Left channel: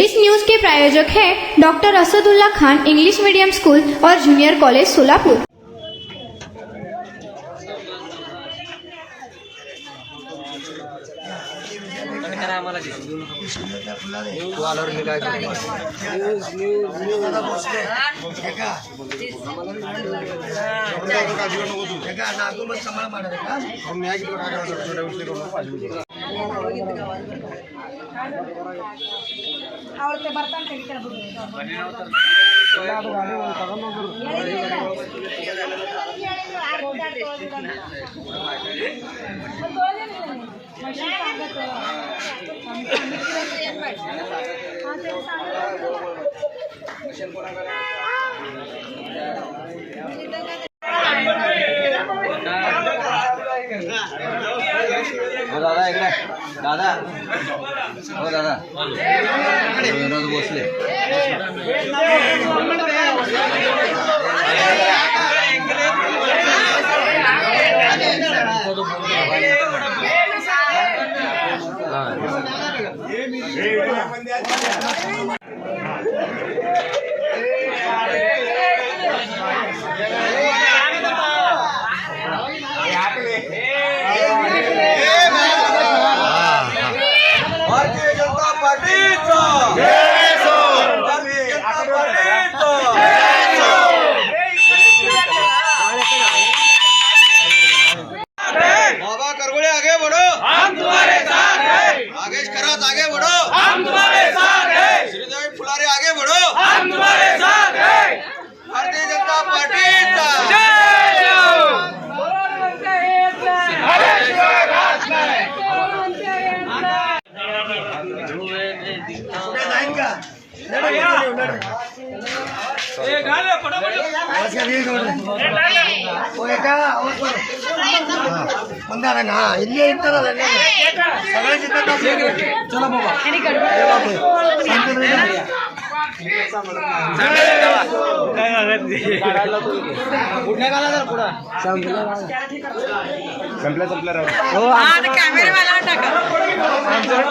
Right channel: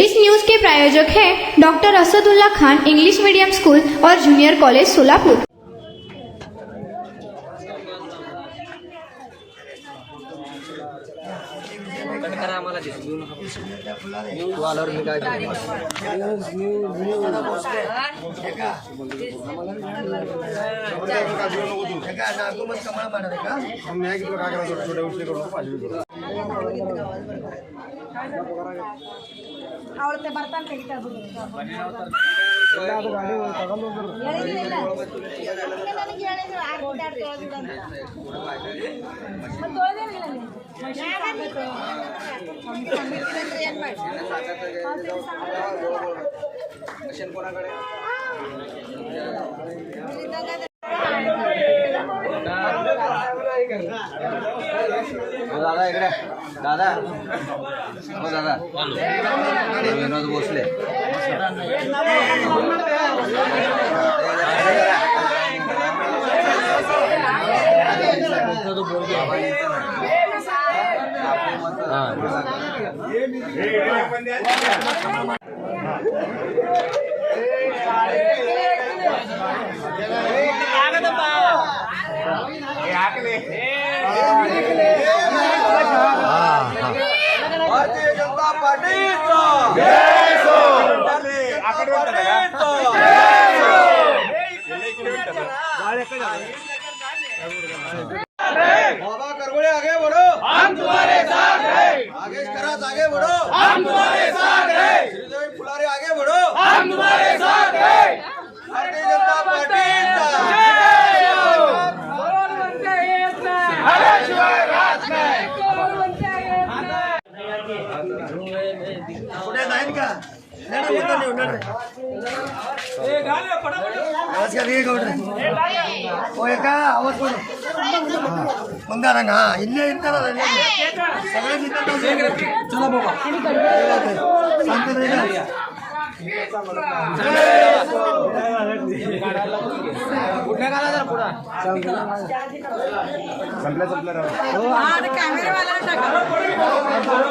इस news के प्रायोजक हैं doctor Asadullah Khan English medium school और जूनियर कॉलेज सोलापुर। ಅವಳತೆ ಬರ್ತಾನೆ ಕಡಿತಾರೆ दादा इकडे दादा हो दादा विनोद भोसले बाबा करगोळे आगे बढ़ो, हम तुम्हारे साथ हैं। आगेश खरात आगे बढ़ो, हम तुम्हारे साथ हैं। श्रीदेवी फुलारे आगे बढ़ो, हम तुम्हारे साथ हैं। भारतीय जनता पार्टीचा पुढे जाईन का आवाज का रीड हो एका आवाज करू मंदारा ना इल्ले इंतरा सगळे जितना चला बाबा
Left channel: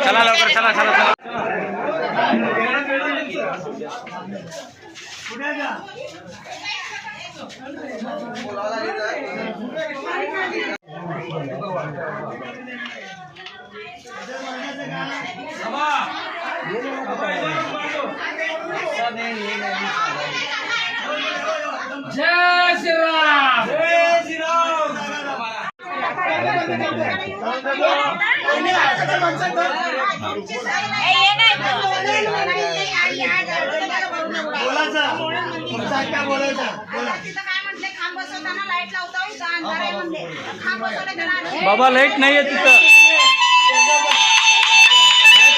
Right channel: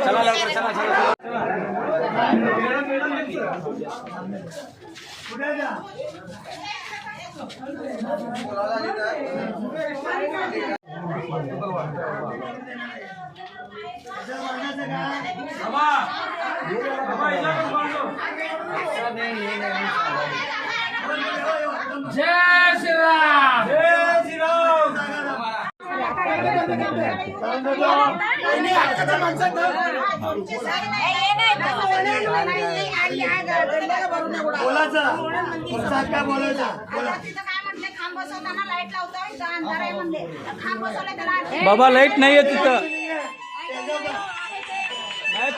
चला लवकर चला चला चला पुढे जा जय श्री राम जय श्री राम बोलायचा तुमचा क्या बोलायचा बोला बाबा लाईट नाहीये तिथं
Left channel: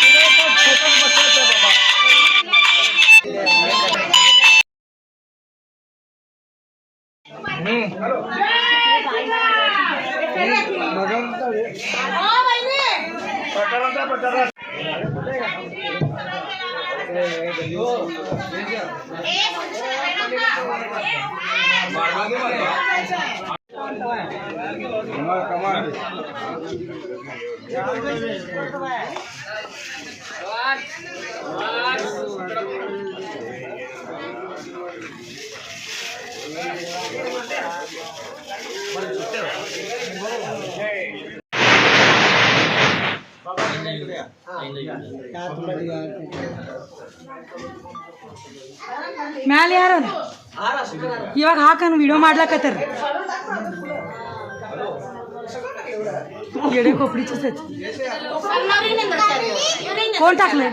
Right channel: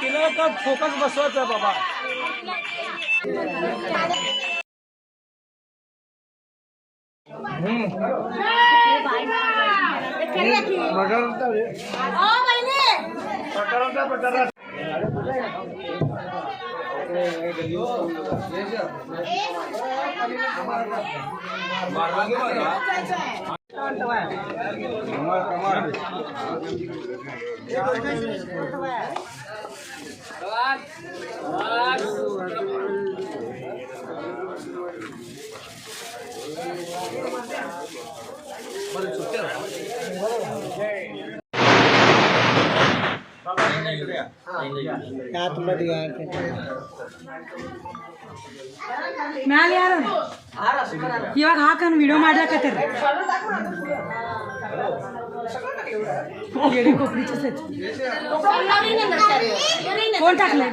तुला पण फोकस बसवायचा बाबा ಮ್ಯಾಲೆ ಯಾರು ಇವಾಗ ಹಾಕನ್ ವಿಡಿಯೋ ಮಾಡ್ಲಕತ್ತಾರ येडे खोपडीचेच आहेत कोण टाकलंय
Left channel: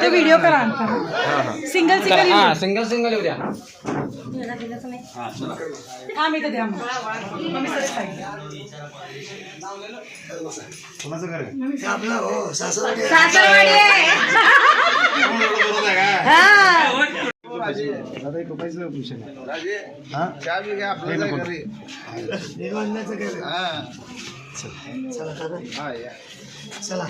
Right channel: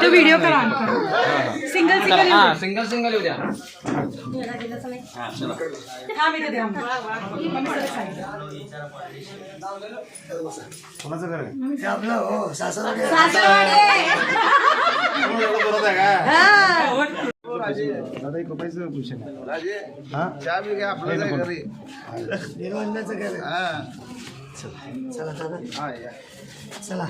तो व्हिडिओ करा सिंगल सिंगल सिंगल येऊ द्या आम्ही तर द्या कोणाचं घर आहे आपलं हो सासरवाडी दादा एक रुपयाचं पैसे राजे चहा बी घ्या आपलं घरी निर्वंदाचं घर आहे चला दादा चला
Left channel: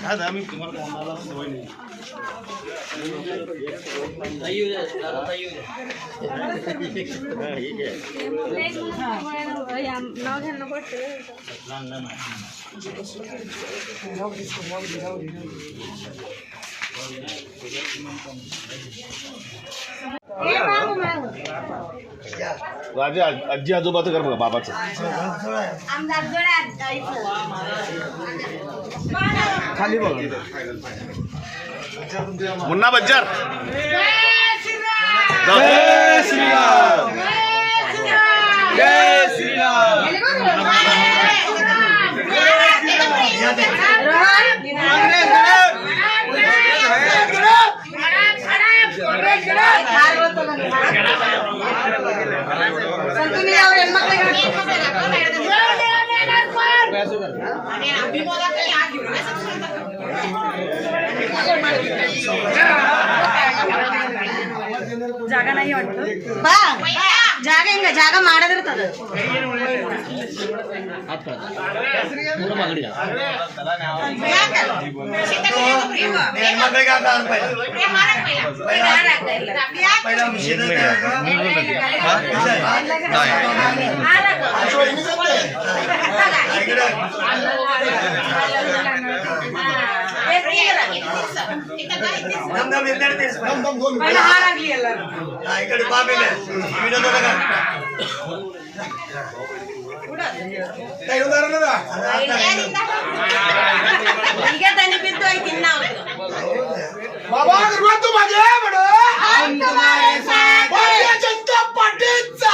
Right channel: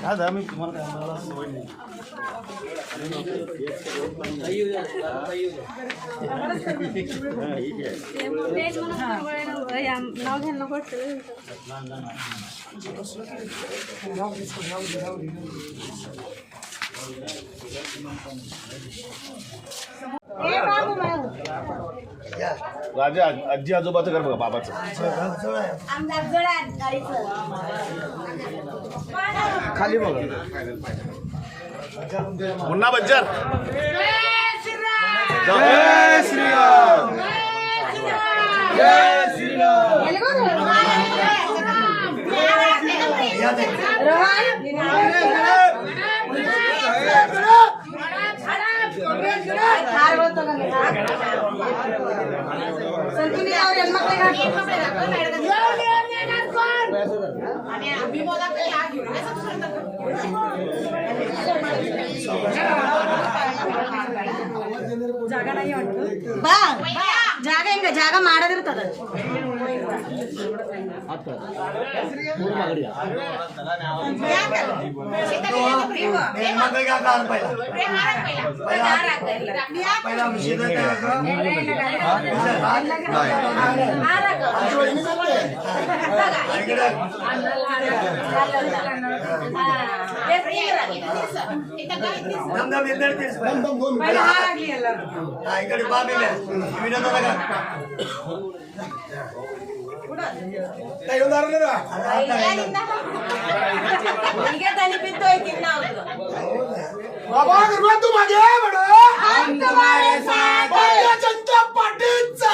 राजा आजी आजोबाचं कर बघा बाबाचं खाली बघा मुन्ना बच्चन जय श्रीराम जय श्रीराम ಜಾಗ नाही वाटतं ಬಾ ಜಾಗ ಹೆಂಗ ಜಾಗ ಮಾಡದಿರ್ತದ इकडे बाबे ಈಗ ದನಿ ಬಿದ್ದು ಐತಿ ನಾವು बाबा तू मागे बडो भारतीय जनता पार्टीचा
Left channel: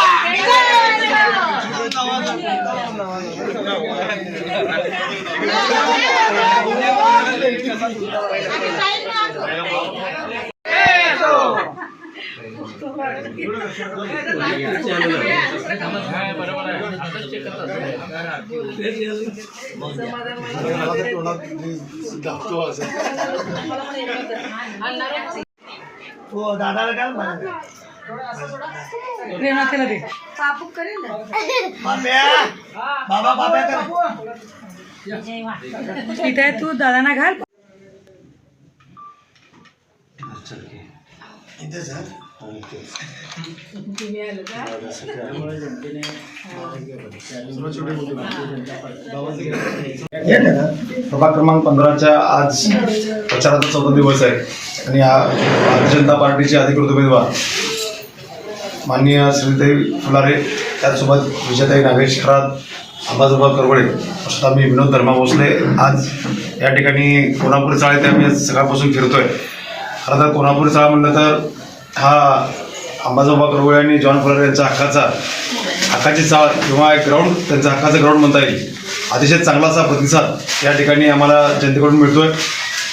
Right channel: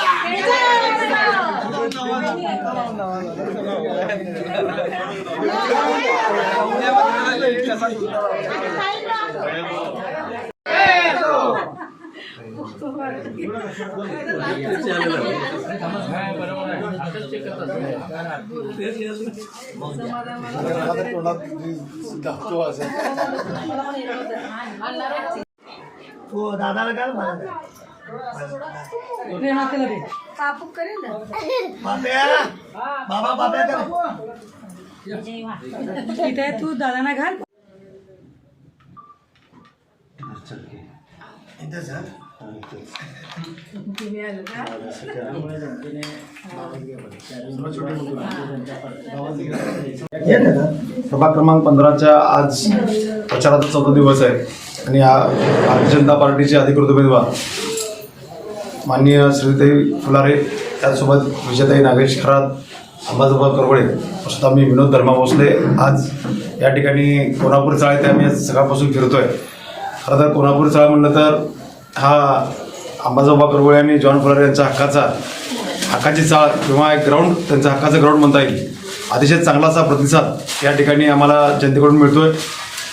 तो दादाला काय म्हणाले प्रेमाला दे बाब्या बाबा बाबा कर इथे तू दादांना घाल इथं जा सभा क्रमांक 15च्या आज प्रचाराचा 14 दिवस आहे आणि भारतीय जनता पार्टीचे अधिकृत उमेदवार माननीय श्रीदेवी फुलारे त्याचसोबत विजयताई नागेश खरात अंबाजोबा करवळे असं आम्ही विनोद धर्मा भोसले आज या ठिकाणी कोल्हापूर चाळ ते आम्ही सकाळपासून फिरतोय. खरं तर कोल्हापूर चाळ म्हणलं तर हा अंबाजोबा करवळे आणि जॉन फुलारे यांचा हक्काची चाळ किंवा एक ग्राउंड त्यांचा हक्काचं ग्राउंड म्हणता येईल. अतिशय चांगला असा प्रतिसाद या ठिकाणी आम्हाला जनतेकडून मिळतोय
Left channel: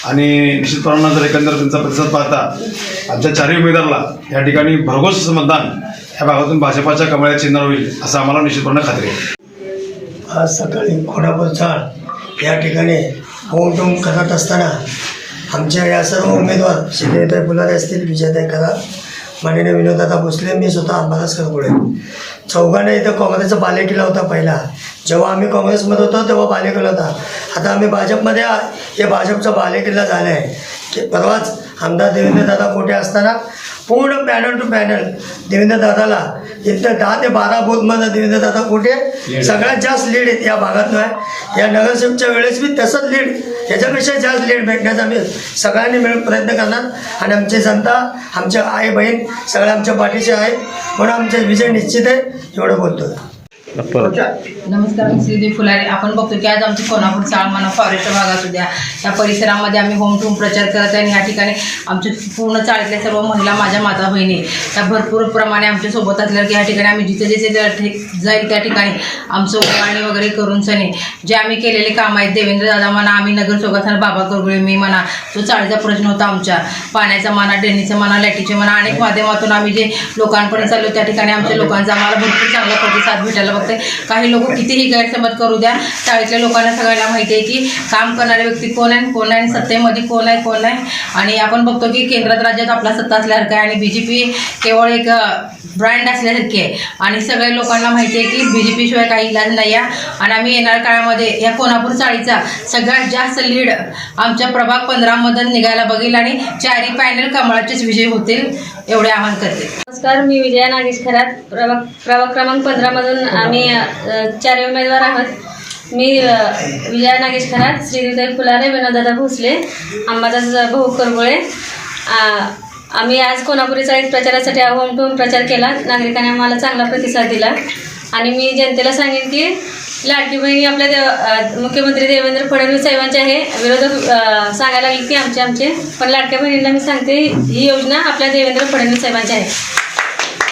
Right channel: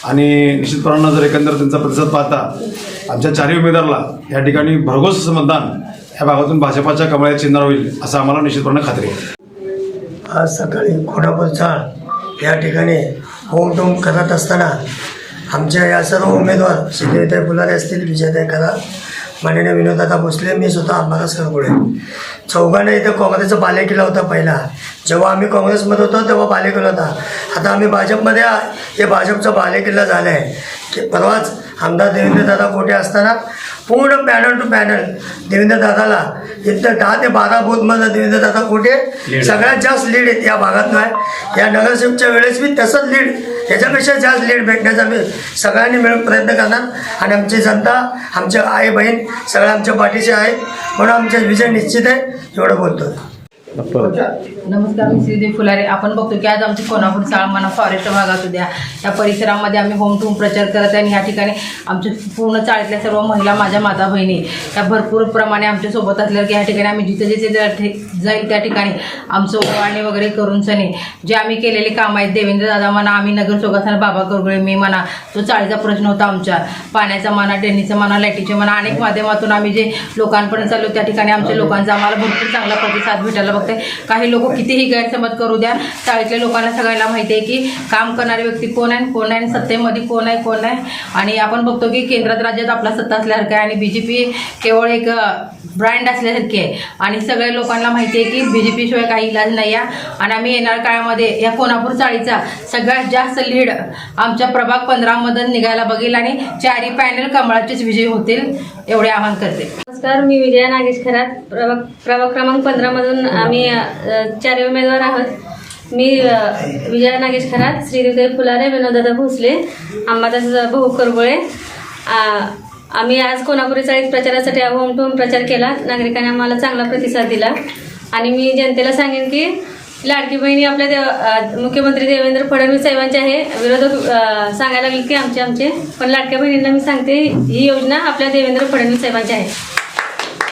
आणि निश्चितपणानं जर एकंदर त्यांचा प्रतिसाद पाहता आमच्या चारही उमेदवाराला या ठिकाणी भरघोस मतदान या भागातून भाजपाच्या कमळाच्या चिन्हावर होईल असं आम्हाला निश्चितपणे खात्री आहे. आज सकाळी कोल्हापूर चाळ या ठिकाणी होम टूम करत असताना आमच्या या सर्व उमेदवार श्रीदेवीताई फुलारे असतील, विजयताई खरात, माननीय विनोददादा भोसले, मी स्वतः अंबादास करगुळे, चौघांना इथं काँग्रेसचा बालेकिल्ला होता. पहिला जेव्हा आम्ही काँग्रेसमध्ये होतो तेव्हा बालेकिल्ला होता. आता आम्ही भाजपमध्ये हे भाजपचा बालेकिल्ला झाला आहे की परवाच आमदार देवेंद्रदादा कोठे असताना पूर्ण पॅनल टू पॅनल देवेंद्रदादाला इथं 10 ते 12 बूथमध्ये देवेंद्रदादा कोठे सगळ्यात जास्त लीड या भागातून आहे. या नगरसेवकच्या वेळेस बी तसंच लीड, याच्यापेक्षा जास्त लीड भेटण्याचा आम्ही सगळ्यांनी मिळून प्रयत्न करणार आणि आमची जनता, आमचे आई बहीण सगळ्या आमच्या पाठीचे आहेत म्हणून आमचा विजय निश्चित आहे एवढं बोलतो. नमस्कार, मी श्रीदेवी फुलारे. आपण बघतो की आज आमची कोल्हापूर चाळ म्हणा फॉरेस्ट भागात उद्या या परिसरामध्ये आम्ही होम टूम प्रचार करत आहे आणि ह्या ठिकाणी आमच्या पूर्ण चाळीतल्या सर्व महिला, माझ्या माता बहिणी या भरपूर प्रमाणे आमच्यासोबत असल्या की ह्या ठिकाणी आम्ही जिथे जिथे जाईल त्या ठिकाणी आमचं ओवाळणी वगैरे करून सनी जे आम्ही केलेले काम आहेत, देवेंद्रदादा म्हणा, आम्ही नगरसेवकांना बाबा करगुळे, मी म्हणा, जो चाळीचा प्रश्न होता आमच्या पाण्याचा म्हणा, ड्रेनेजचा म्हणा, लाईटीचे म्हणा, अनेक माध्यमातून आम्ही जे लोकांपर्यंत चाललो त्या ठिकाणी आमच्या लोकांचा आम्हाला भरपूर चांगला प्रतिसाद भेटायला बघते. काही लोक कितीही गैरसमज करू द्या, चाळीतल्या लोकांना सगळ्यांना माहिती आहे की काम करणारे व्यक्ती कोण आहे आणि सत्तेमध्ये कोण आहे. आणि आपण बघतो की केंद्रात राज्यात आपला सत्ता असल्यासारखं आहे आणि BJP केवळ एक ब्रँड असल्यासारखी आहे आणि सगळ्या लोकांना माहिती आहे की BJP शिवाय काही इलाज नाही आहे. आणि आम्ही येणाऱ्या काळामध्ये या कोल्हापूर चाळीचा सगळ्यात जास्त लीड आमच्या प्रभाग 15मधून निघायला बघेल आणि 4ही पॅनल कमळाचेच विजयी होतील एवढे आवाहन करते. नमस्कार, मी विजया नागेश खरात, प्रभाग क्रमांक 15मधून आम्ही 4 उमेदवार आहोत. मी विजया नागेश खरात, श्रीदेवी फुलारे, विनोददादा भोसले, अंबादास भाऊ करबोळे. आम्ही आज कोल्हापुरी चाळीत प्रचारासाठी होम टू प्रचार केला. नागरिकांनी आम्हाला चांगला प्रतिसाद दिला आणि मी जनतेला सांगेन की लाडकी बहिणी आपल्या मुख्यमंत्री देवेंद्र फडणवीस साहेबांचे आहे. विरोधक सांगायला लागले की आमचे पण लाडक्या बहिणींना मी सांगते ही योजना आपल्या देवेंद्र फडणवीस साहेबांची आहे.